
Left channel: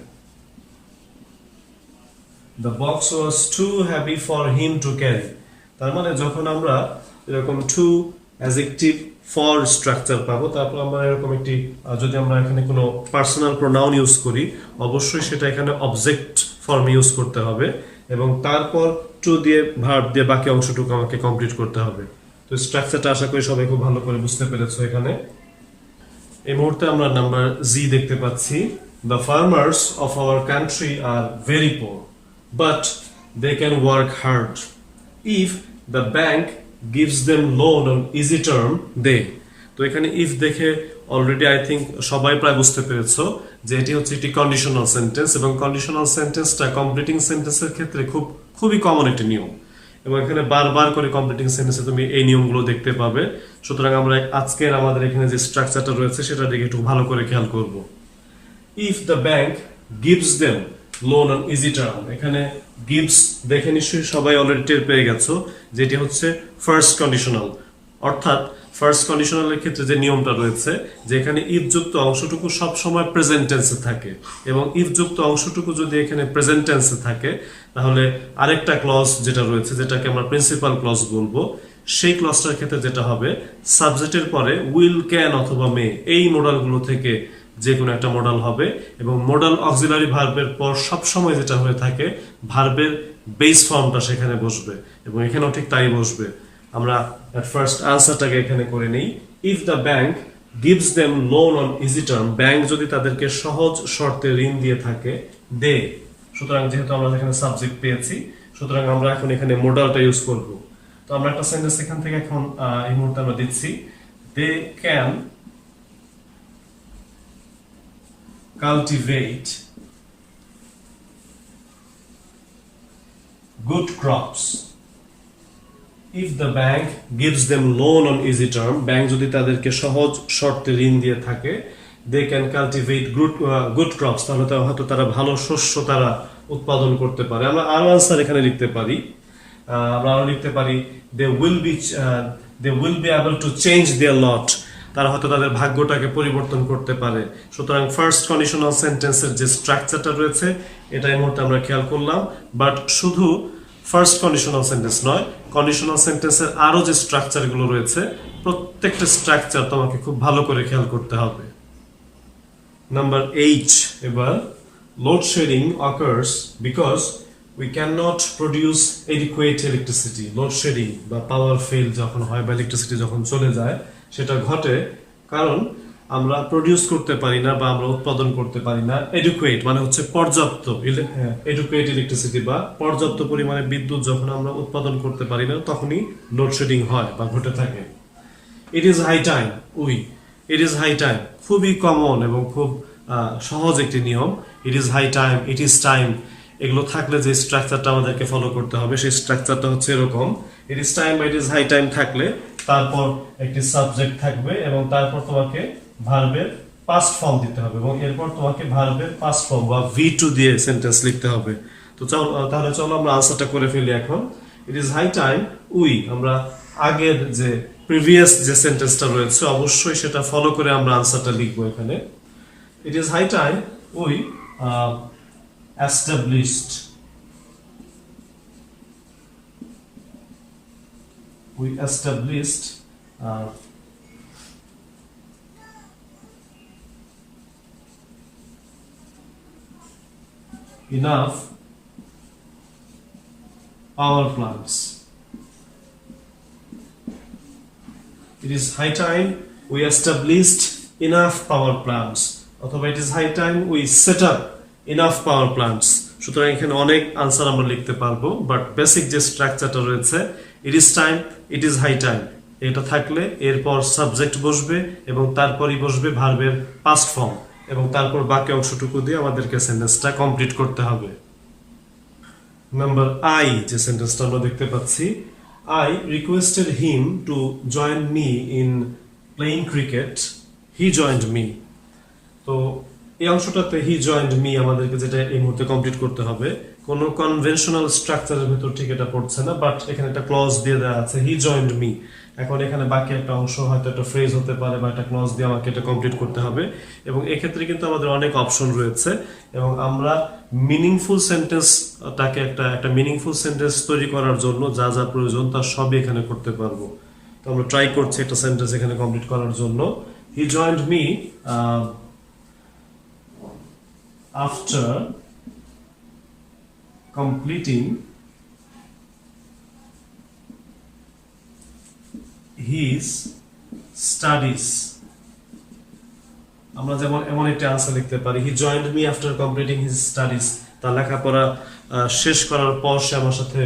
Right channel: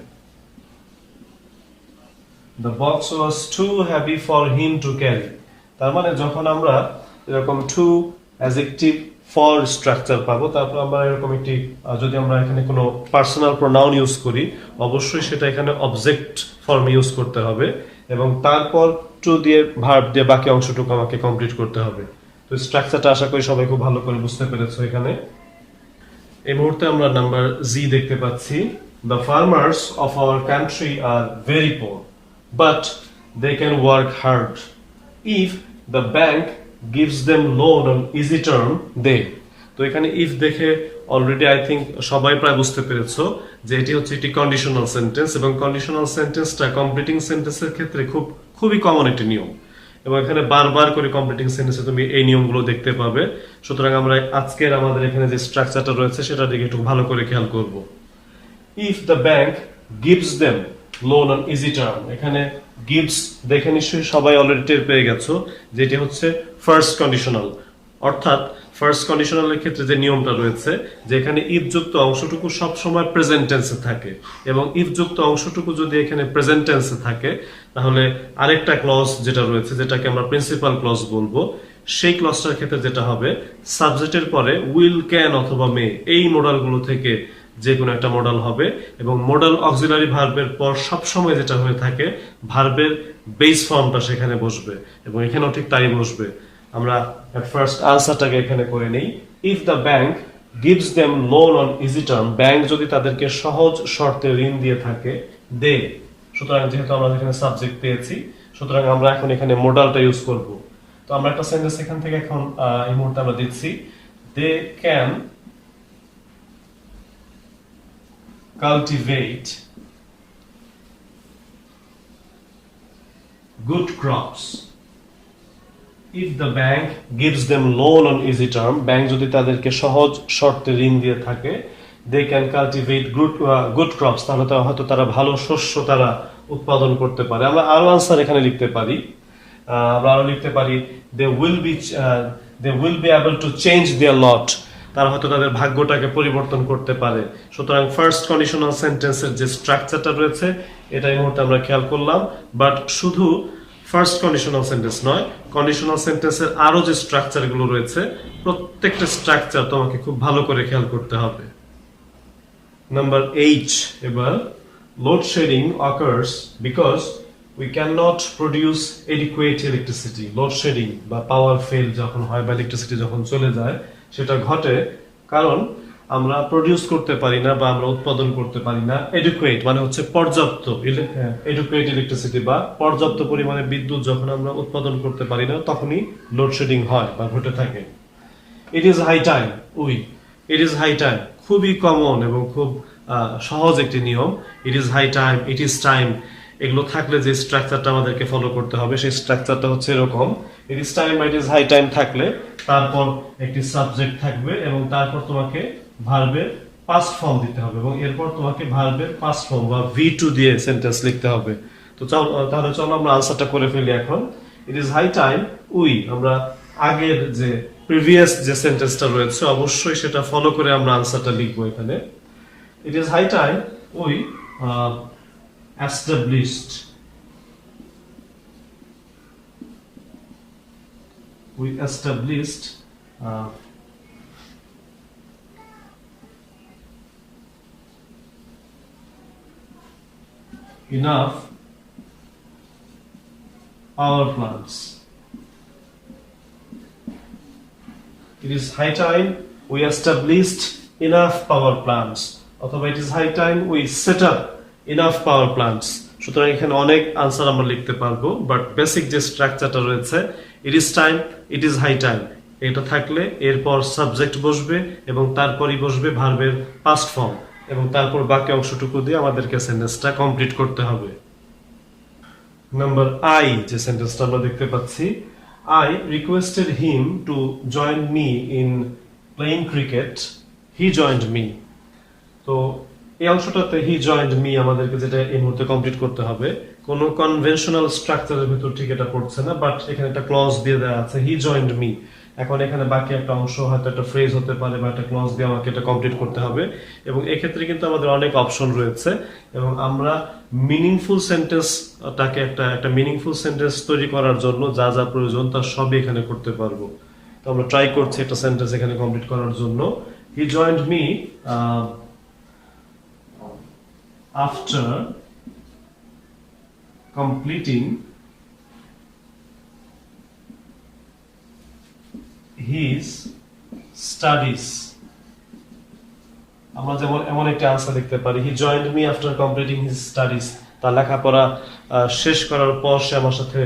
the box was too heavy for him to carry. তার মানে যখন আমরা এরকম টু অ্যাডজেক্টিভ ফর স্ট্রাকচার পাবো, তারপর আমরা এরকম একটি যদি আমরা এখানে কোনো পার্সোনাল প্রোনাউন ইউজ করি, অবশ্যই সেটা এখানে অবজেক্ট ফর্ম ইউজ করতে হবে এবং তারপর টু দিয়ে ভার্ব দিয়ে বাকি অংশটুকু আমাকে কমপ্লিট করতে হবে। তো স্ট্রাকচারটা আশা করি সবাই খুব ভালো করে বুঝতে পেরেছো। এখানে এই মুহূর্তে আমরা নাম্বার জি দেখতে পাচ্ছি, the farmers of our country are very poor, but they can work hard. If the bank gives them loan on easy term, they। তো এখানে ইফ দেখে অলরেডি আই থিঙ্ক সবাই প্রায় বুঝতে পেরেছো যে এটি হচ্ছে একটি কন্ডিশনাল সেন্টেন্স, এবং কন্ডিশনাল সেন্টেন্সটা কমপ্লিটিং সেন্টেন্সের ক্ষেত্রে খুবই কমন একটি নিয়ম, এবং এখানে বারবার করে কমপ্লিটিং সেন্টেন্সে তুমি এই নিয়মগুলো দেখতে পাবে। সুতরাং আমরা আজকের আমাদের এখানে যে স্ট্রাকচারটা রয়েছে সেটার দিকে একটু ভালো করে খেয়াল করব। If the bank gives them loan on easy term, এখানে গিভস দেখে নিশ্চয়ই সবাই অলরেডি টের পেয়ে গেছো যেটি হচ্ছে ফার্স্ট কন্ডিশনাল। অর্থাৎ ফার্স্ট কন্ডিশনালের ক্ষেত্রে যে নিয়মটা রয়েছে, যে এখানে ইফ যুক্ত অংশটুকু সব সময় প্রেজেন্ট টেন্সে থাকে, এবং ইফ যুক্ত অংশটুকু যদি এখানে প্রেজেন্ট টেন্সে থাকে, তাহলে আরেকটা ক্লজ যেটা রয়েছে, যেটাকে আমরা প্রিন্সিপাল ক্লজ বলবো, সেই ক্লজটার ক্ষেত্রে যেটা হবে, সাবজেক্টের পরে উইল, ক্যান অথবা মে, এই মডালগুলো থেকে যে কোনো একটা মডাল হবে, এবং মডাল অক্সিলারি ভার্বের পর সবসময় যেটা হয়ে থাকে, ভার্বের বেস ফর্মটা সেখানে বসবে, এবং এখানেও ঠিক তাই বসবে। আমরা এট ফার্স্ট আনসারটাকে এখানে করে নেই। If the bank gives them loan on easy term, bank যদি তাদেরকে সহজ শর্তে ঋণ দিয়ে থাকে, দে, সুতরাং যেহেতু আমরা এখানে সাবজেক্ট পেয়েছি, সুতরাং আমরা এখন এখানে মডালটা ইউজ করব। তো আমরা একটা সেন্টেন্স এখান থেকে এখন এই মুহূর্তে আমরা দিচ্ছি, they can cultivate good crops if the bank gives them loan on easy term, bank যদি তাদেরকে সহজ শর্তে ঋণ দিয়ে থাকে, they can cultivate good crops, তাহলে হয়তো তারা ভালো শস্য তারা উৎপাদন করতে পারে। আমরা আরো আনসার এখানে লিখতে পারি, আমরা আরো লিখতে পারি they will be able to change their lot, তারা হয়তো তাদের ভাগ্যটাকে পরিবর্তন করতে পারে। সুতরাং ফার্স্ট কন্ডিশনাল সেন্টেন্সের যে স্ট্রাকচারটা রয়েছে এটা এই মুহূর্তে আমরা খেয়াল করলাম, বাট শুধু ফার্স্ট কন্ডিশনাল সেন্টেন্স নয়, কন্ডিশনাল সেন্টেন্সের আরো যে স্ট্রাকচার গুলো রয়েছে প্রত্যেকটা স্ট্রাকচার তোমাকে খুব ভালো করে খেয়াল করতে হবে। নাম্বার 8, এবার load shedding occurs because we cannot produce adequate electricity. Load shedding বা পাওয়ার ফেল যখন হয় বা ইলেকট্রিসিটি যখন চলে যায় সেটা ঘটে কারণ আমরা প্রডিউস করতে পারি না বা আমরা উৎপাদন করতে পারি না এডুকুয়েট মানে হচ্ছে পর্যাপ্ত এডুকুয়েট ইলেকট্রিসিটি বা পর্যাপ্ত পরিমাণে বিদ্যুৎ যখন আমরা উৎপাদন করতে পারি না তখনই লোডশেডিং হয় বা ঘটে থাকে। It is high time it is high time খুবই কমন এবং খুব সহজ একটি নিয়ম। It is high time, it is time, এগুলো থাকলে যে স্ট্রাকচারটা আমাদেরকে ফলো করতে হবে সেই স্ট্রাকচারটা হচ্ছে এরকম। ইট ইজ টাইম বা ইট ইজ হাই টাইম থাকলে তারপর একটি সাবজেক্ট থাকবে এবং তারপর তোমাকে ভার্বের পাস্ট ফর্ম দিতে হবে এবং এরপর তোমাকে ভার্বের পাস্ট ফর্ম বা V2 দিয়ে সেন্টেন্স লিখতে হবে। তো তাহলে চলো আমরা আনসারটা করে ফেলি এখন। ইট ইজ হাই টাইম আমরা আগের যে প্রিভিয়াস যে সেন্টেন্সটা রয়েছে অবশ্যই সেটা ফলো করে আমরা আনসারটা লিখবো এখানে। It is high time we established enough power plants. It is high time we established enough power plants. অথবা it is high time we set up enough power plants. সুতরাং এখানে অনেক আনসার আমরা লিখতে পারবো, বাট বেসিক যে স্ট্রাকচারটা রয়েছে it is time, it is high time, এটা থাকলে এরপর সাবজেক্ট বসবে এবং তারপরই বসবে ভার্বের পাস্ট ফর্ম এবং তারপর বাকি অংশটুকু দিয়ে আমাদেরকে সেন্টেন্সটা কমপ্লিট করতে হবে। নাম্বার I যে সেন্টেন্সটা আমরা দেখতে পাচ্ছি, I requested him to join me in playing cricket. He joined me. তো এই অংশটাতে হি জয়েন্ট মি আমাদেরকে যেটা এই মুহূর্তে কমপ্লিট করতে হবে, কোনো কনভেনশনাল স্ট্রাকচারের ভিতর ঠিক এটা পড়ছে না, বাট এখানে একটা ক্লজ দিয়ে দেওয়া আছে হি জয়েন্ট মি। এখন এখানে বাকি একটা অংশ হয়তো একটা ফ্রেজ হতে পারে বা একটা ক্লজ দিয়ে আমাকে এটা কমপ্লিট করতে হবে এবং এক্ষেত্রে কিন্তু আমাদের অনেক অপশন রয়েছে এবং আমরা মিনিংফুল সেন্টেন্সটাকে একটা মিনিংফুল সেন্টেন্স তৈরি করার জন্য যা যা প্রয়োজন তার সবই এখানে করতে পারবো। তো আমরা ট্রাই করছি একটা সেন্টেন্স এখানে কমপ্লিট করার জন্য। He joined me after completing his studies. আমরা যেমন এমন একটা আনসার লিখতে পারি, he joined me after completing his studies. তার লেখাপড়া শেষ করার পর সে আমার সাথে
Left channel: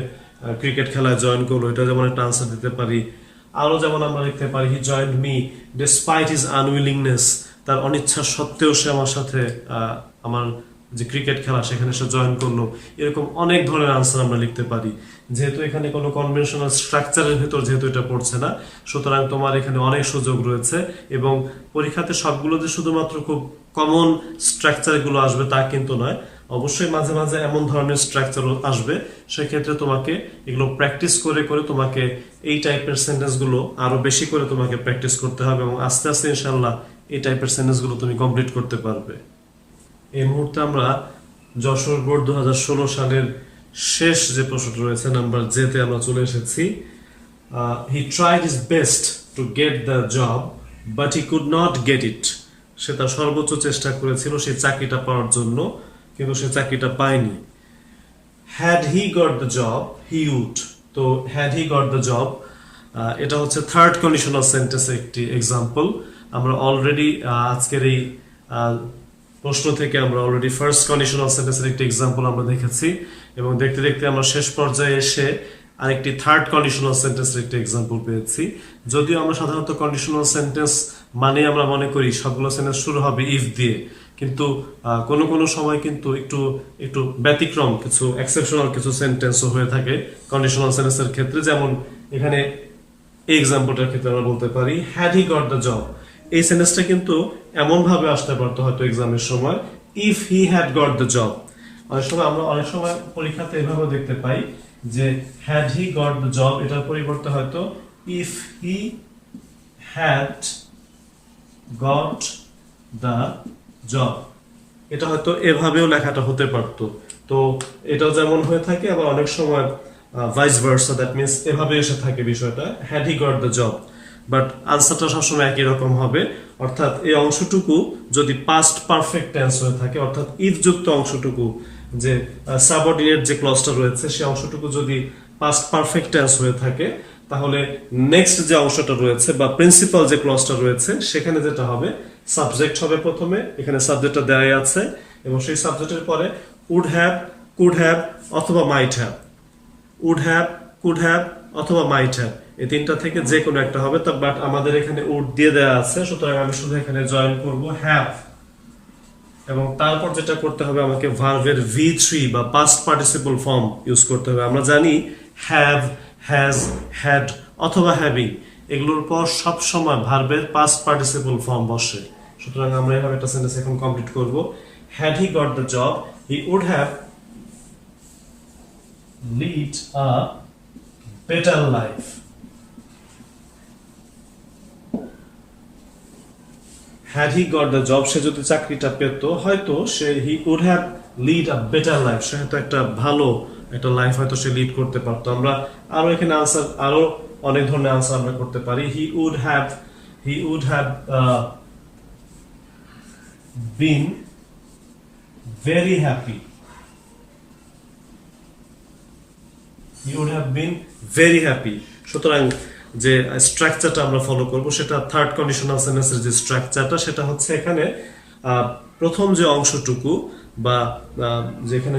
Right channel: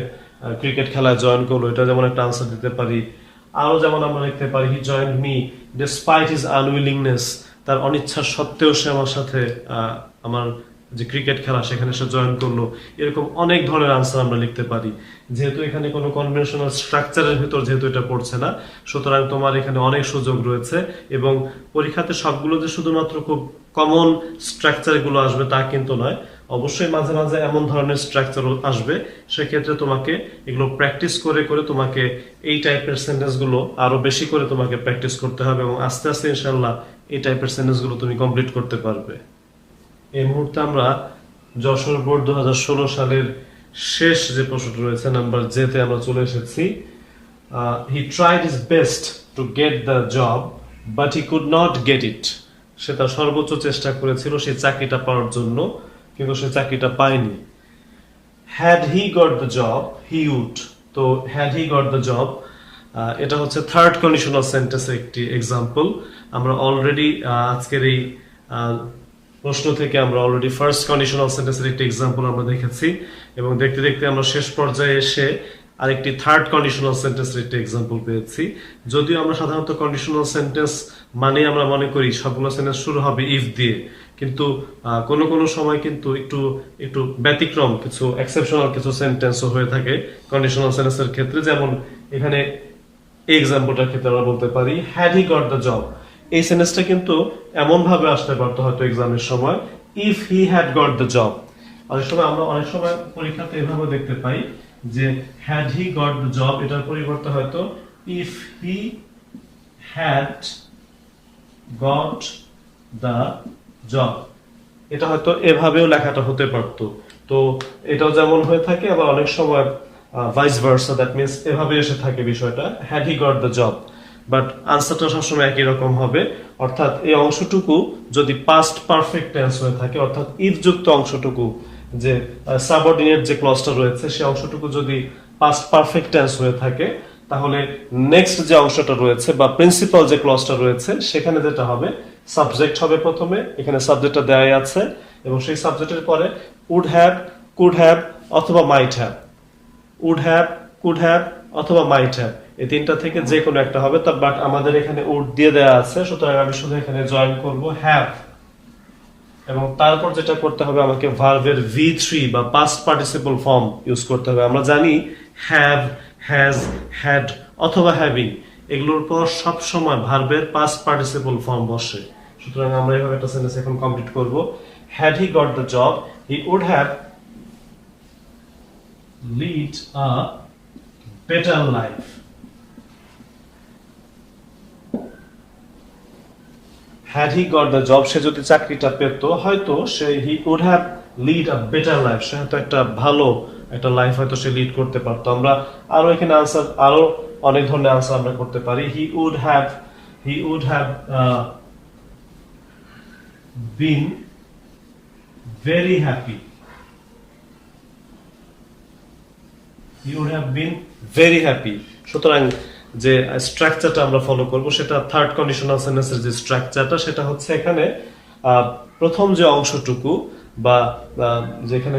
ক্রিকেট খেলায় জয়েন করলো, এটা যেমন একটা আনসার দিতে পারি। আরো যেমন আমরা লিখতে পারি he joined me despite his unwillingness. তার অনিচ্ছা সত্ত্বেও সে আমার সাথে আমার যে ক্রিকেট খেলা সেখানে সে জয়েন করলো। এরকম অনেক ধরনের আনসার আমরা লিখতে পারি। যেহেতু এখানে কোনো কনভেনশনাল স্ট্রাকচারের ভিতর যেহেতু এটা পড়ছে না, সুতরাং তোমার এখানে অনেক সুযোগ রয়েছে এবং পরীক্ষাতে সবগুলো যে শুধুমাত্র খুব কমন স্ট্রাকচারগুলো আসবে তা কিন্তু নয়, অবশ্যই মাঝে মাঝে এমন ধরনের স্ট্রাকচারও আসবে। সেক্ষেত্রে তোমাকে এগুলো প্র্যাকটিস করে করে তোমাকে এই টাইপের সেন্টেন্সগুলো আরো বেশি করে তোমাকে প্র্যাকটিস করতে হবে এবং আস্তে আস্তে ইনশাল্লাহ এই টাইপের সেন্টেন্সগুলো তুমি কমপ্লিট করতে পারবে। এই মুহূর্তে আমরা যশোর বোর্ড 2016 সালের শেষ যে প্রশ্নটা রয়েছে নাম্বার জেতে আমরা চলে এসেছি। He tried his best to get the job but he could not get it. সে তার সর্বোচ্চ চেষ্টা করেছিল সেই চাকরিটা পাওয়ার জন্য, কিন্তু সে চাকরিটা পায়নি। Had he got the job he would. তো had he got the job এটা হচ্ছে থার্ড কন্ডিশনাল সেন্টেন্সের একটি এক্সাম্পল। আমরা অলরেডি আজকের এই প্রশ্ন থেকে আমরা অলরেডি ফার্স্ট কন্ডিশনাল সেন্টেন্সের একটি এক্সাম্পল আমরা দেখেছি এবং দেখতে দেখতে আমরা শেষ পর্যায়ে এসে আরেকটি থার্ড কন্ডিশনাল সেন্টেন্সের একটি এক্সাম্পল পেয়েছি। যদিও আমরা সাধারণত কন্ডিশনাল সেন্টেন্স মানে আমরা মনে করি সবগুলো সেন্টেন্স শুরু হবে ইফ দিয়ে, কিন্তু কোনো কোনো সময় কিন্তু একটু ব্যতিক্রম কিছু এক্সেপশনাল কিছু সেন্টেন্সও হয়ে থাকে কন্ডিশনাল সেন্টেন্সের ক্ষেত্রে। যেমন এখানে এই এক্সাম্পলটার ক্ষেত্রে আমরা বলতে পারি had he got the job. এই সেন্টেন্সটা কিন্তু এমন ভাবে আসতে পারতো হয়তো এক্সামের সময় if he had got the job. অনেক সময় আমরা পরীক্ষাতে এভাবে দেখতে পাই যে had he got the job এটার পরিবর্তে হয়তো if he had got the job, এটা হয়তো এভাবেও লেখাটা হতে পারতো। তো এটাও যেমন হয়ে থাকে, আবার অনেক সময় ভাইস ভার্সা, দ্যাট মিনস এভাবে এসে থাকে বিষয়টা, had he got the job, but আনসারটা সবসময় একই রকম হবে। অর্থাৎ এই অংশটুকু যদি পাস্ট পারফেক্ট টেন্স হয়ে থাকে, অর্থাৎ ইফ যুক্ত অংশটুকু, যে সাবঅর্ডিনেট যে ক্লজটা রয়েছে সেই অংশটুকু যদি পাস্ট পারফেক্ট টেন্স হয়ে থাকে, তাহলে নেক্সট যে অংশটা রয়েছে বা প্রিন্সিপাল যে ক্লজটা রয়েছে সেখানে যেটা হবে, সাবজেক্ট হবে প্রথমে, এখানে সাবজেক্টটা দেওয়াই আছে, এবং সেই সাবজেক্টের পরে উড হ্যাভ, কুড হ্যাভ অথবা might have, would have, could have অথবা মাইট হ্যাভ, এই তিনটা থেকে যে কোনো একটা হবে। বাট আমাদের এখানে উড দিয়ে দেওয়া আছে, সুতরাং আমি শুধু এখানে জয়েন করব হ্যাভ, এবং তারপর যেটা করতে হবে, আমাকে ভার্বের V3 বা পাস্ট পার্টিসিপল ফর্ম ইউজ করতে হবে। আমরা জানি হ্যাভ, হ্যাজ, হ্যাড অথবা হ্যাভিং, এগুলোর পর সব সময় ভার্বের পাস্ট পার্টিসিপল ফর্ম বসে। সুতরাং আমরা এইভাবে একটা সেন্টেন্স এখন কমপ্লিট করব। Had he got the job, he would have lead a better life. Had he got the job, সে যদি চাকরিটা পেত, হয়তো সে he would have lead a better life, সে হয়তো একটা ভালো একটা লাইফ হয়তো সে লিড করতে পারতো। আমরা আরো এখানে আনসার, আরো অনেক ধরনের আনসার আমরা করতে পারি। He would have been very happy, he would have been very happy. সুতরাং যে স্ট্রাকচারটা আমরা ফলো করব, সেটা থার্ড কন্ডিশনাল সেন্টেন্সের যে স্ট্রাকচারটা, সেটা হচ্ছে এখানে প্রথম যে অংশটুকু বা যেখানে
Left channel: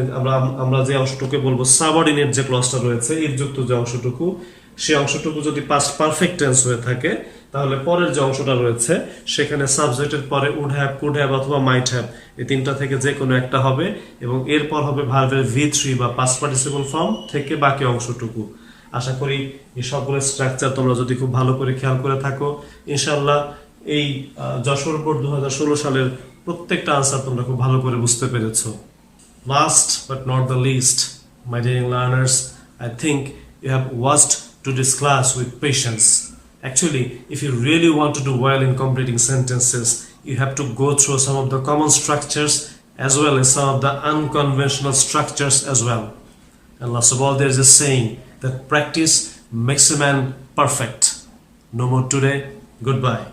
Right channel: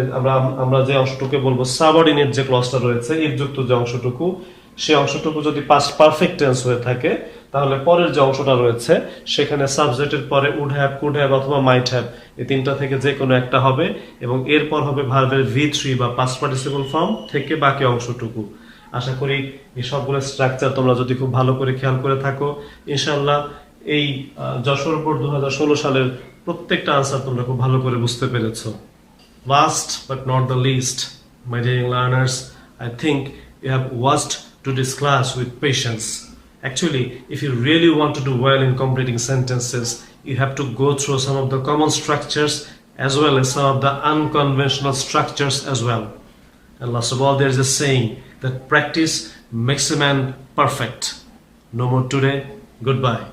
আমরা যে অংশটুকু বলবো সাবঅর্ডিনেট যে ক্লজটা রয়েছে, ইফ যুক্ত যে অংশটুকু, সেই অংশটুকু যদি পাস্ট পারফেক্ট টেন্স হয়ে থাকে, তাহলে পরের যে অংশটা রয়েছে সেখানে সাবজেক্টের পরে উড হ্যাভ, কুড হ্যাভ অথবা মাইট হ্যাভ, এই তিনটা থেকে যে কোনো একটা হবে, এবং এরপর হবে ভার্বের V3 বা পাস্ট পার্টিসিপল ফর্ম থেকে বাকি অংশটুকু। আশা করি এই সবগুলো স্ট্রাকচার তোমরা যদি খুব ভালো করে খেয়াল করে থাকো, ইনশাআল্লাহ এই যশোর বোর্ড 2016 সালের প্রত্যেকটা আনসার তোমরা খুব ভালো করে বুঝতে পেরেছো। Last but not the least, my dear learners, I think you have watched today's class with patience. Actually, if you really want to do well in completing sentences, you have to go through some of the common structures as well as some of the unconventional structures as well. And last of all, there is a saying that practice makes a man perfect. No more today. Goodbye.